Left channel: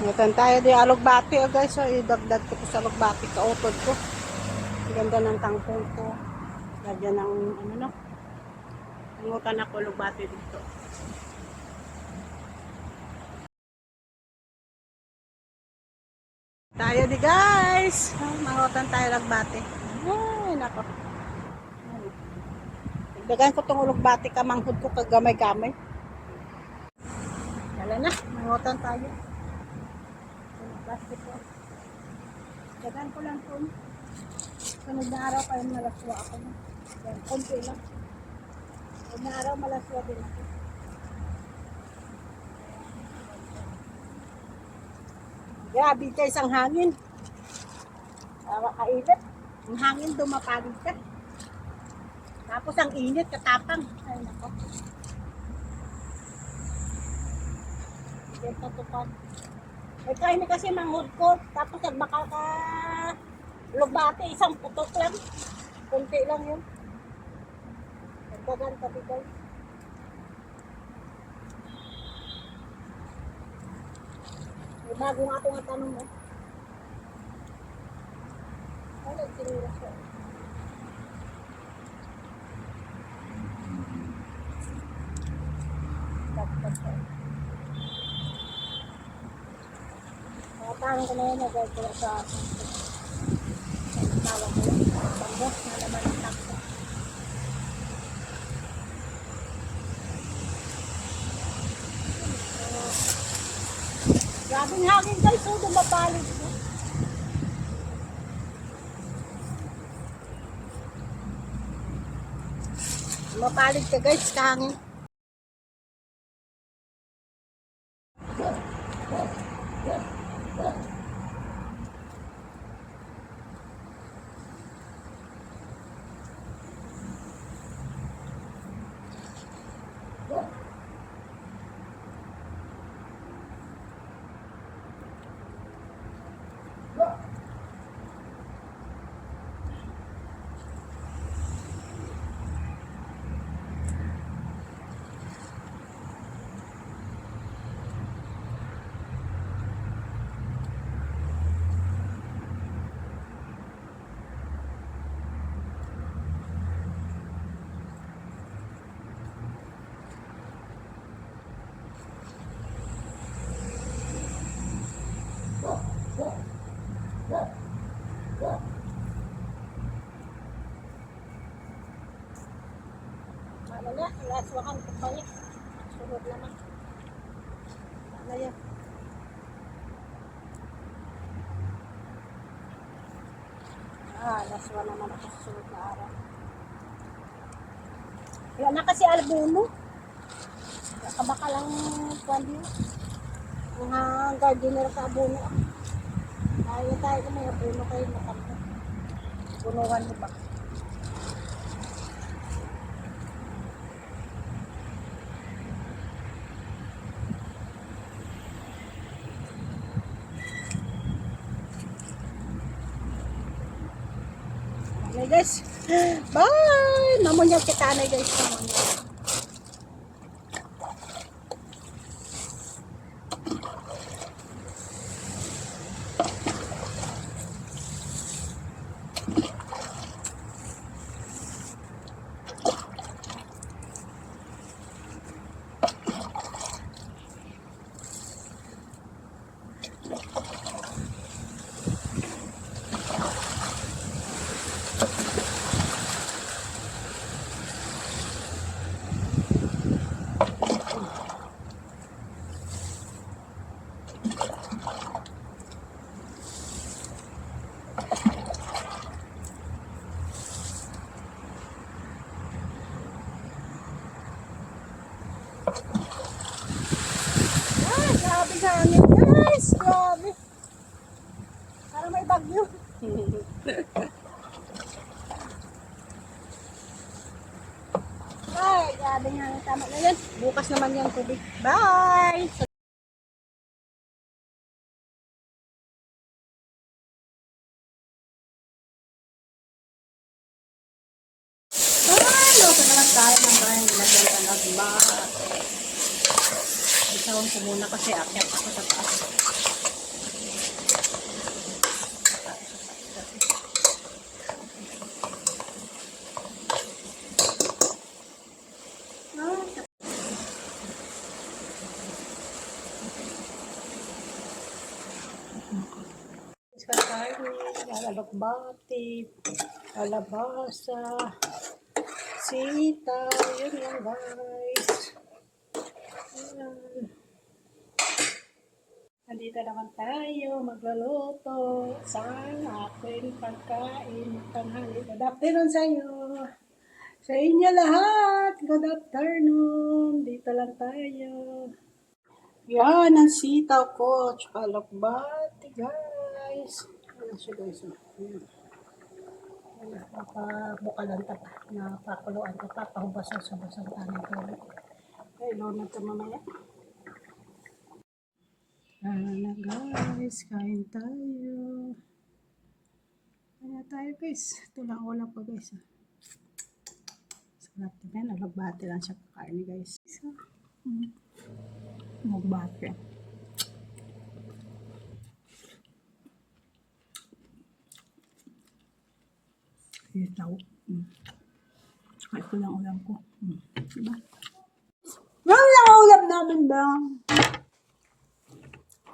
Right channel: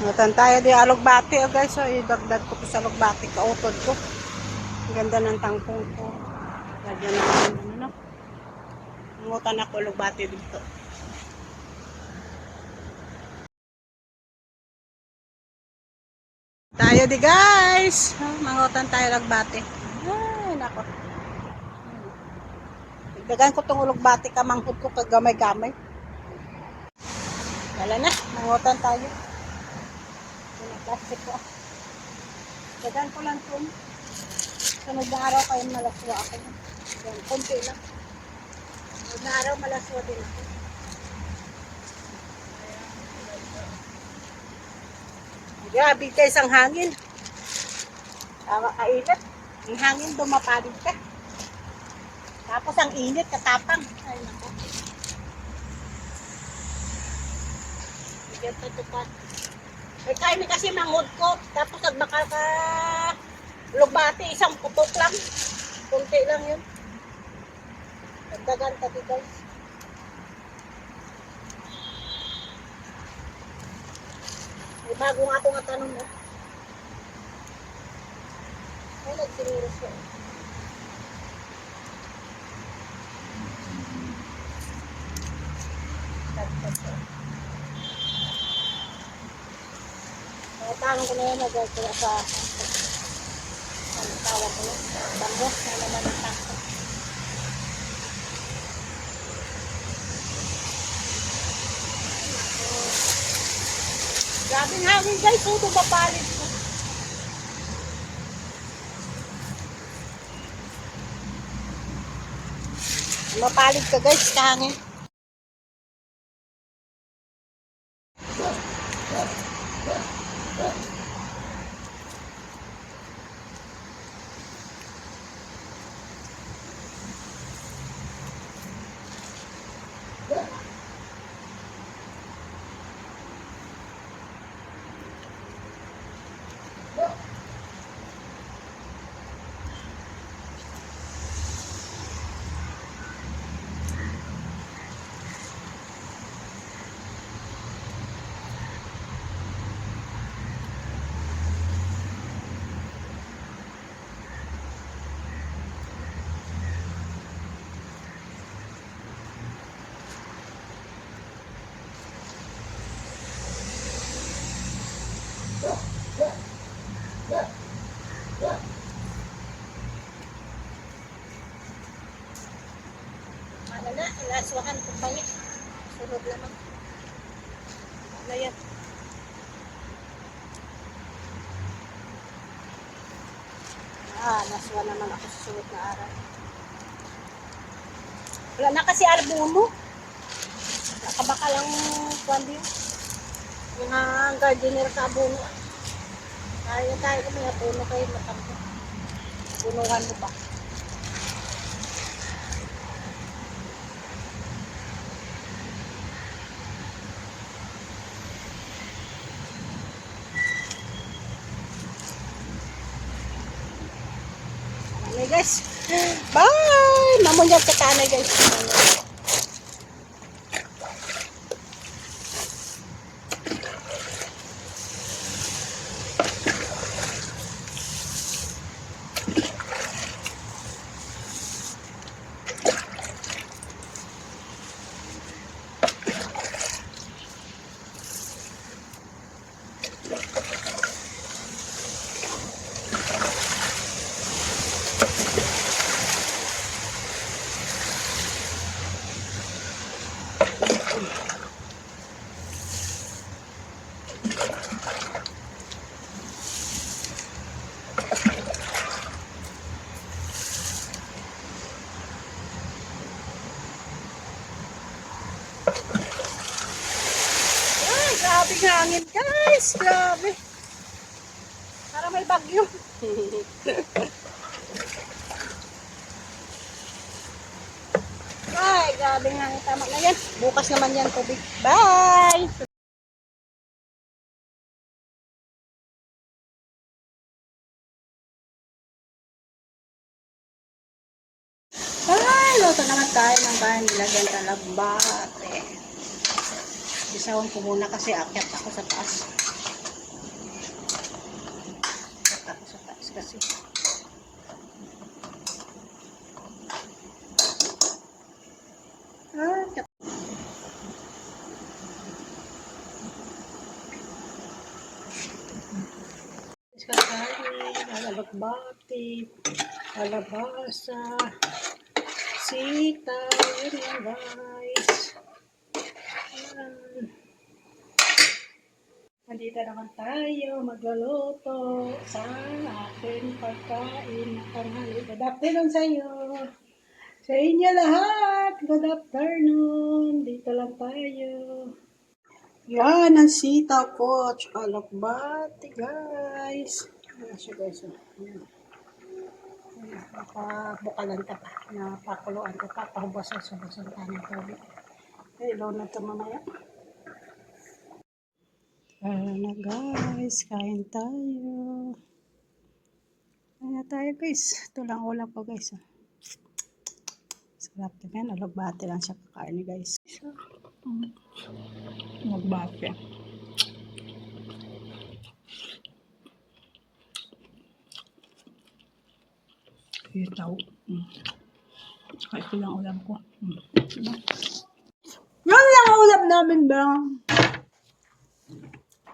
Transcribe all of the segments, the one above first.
Matan tayo di alugbati oh guys. So idagdag ko to sa alugbati kautod ko. Ang ganda ng tangkong ko. Lagyan ng ano no. Nangutan ako alugbati dito. Tayo di guys. Mangutan tayo alugbati. Ay nako. Dagdagan ko tong alugbati kamanghod ko kagamay-gamay. Wala na. Mangutan tayo. Plastic ko. Dagan ko lang ito. Sunod na araw kayo malaswa ako. Yan, konti lang. Sunod na araw malaswa din ako. Grabe guys ang hangin. Kainit. Ang hangin dumapalig ka. Tapos ang init katapang. Ay nako. Bigyan tutupan. Ay kain kasi manghod ko. Tapos nagbakal ka lugbati, isang putok lang. Kunti lang yun. Nagdagan tabi guys. May bago nga ako nga tanong mo. Ay, nagsiniros ko. Tanong ko na yan, nagagawin sa tawag ko yan. Bambos na naman ang takto. Grabe ng hangin guys, so dumapalit ko. Dumapalit ka guys, kahangin. Ano na, ilaswahan ko pa yun. Sunod naman. Ano yan? Laswa naman ako sa sunod na araw. Wala na kasi albumo. Nakabaka lang kwan yun. Mga gardener ka abuno. Tayo kung may abuno kayo matampo. Bunuhan mo ba? Okay guys. Bye! Mamunyag ka tanay guys. Ay, grabe hangin guys. Grabe. Para may bagyo. Ay, grabe hangin. Tama na yan. Bukas naman yan tubig. Bye! Ay, luto naman tayo ng bahay. Nilagyan ka nagbate. Isawang ko muna kasi akyat ako sa taas. kakanin, lalabati, kalabasa, sitaw, yun lang guys. Ayan. Nandito naman tayo magluluto sa ating pagkain na tanghali. Good afternoon sa iyo. Sa inyo lahat, good afternoon. Dito lang tayo. Yan, ang sitaw ko. Tsaka lakbati, guys. Ayan siya, guys. Ayan. Ayan, papabukalan ta pa. Napakuluan ta pa. Pahubasan-subasan tayo ng tubig. Okay, ilaw na ito mamaya. Na guys, kain tayo. Kain na tayo, guys. Ito lang ulam pa, guys. Sarap na yan. Nalagbati lang siya kakain, guys. Nagbati. Itaw. Saka ito lang ulam ko. Diba? Yan lang ulam namin ba?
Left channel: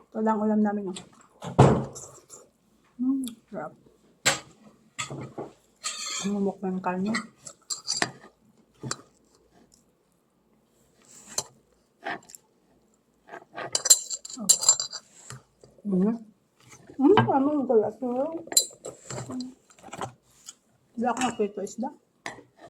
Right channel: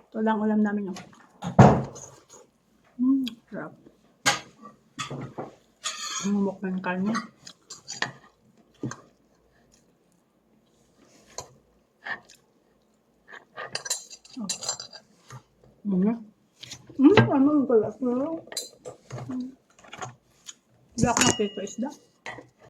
Ito lang ulam namin. Sarap. Umumok na yung karne. Ano ang galas mo? Hindi ako nakita isda.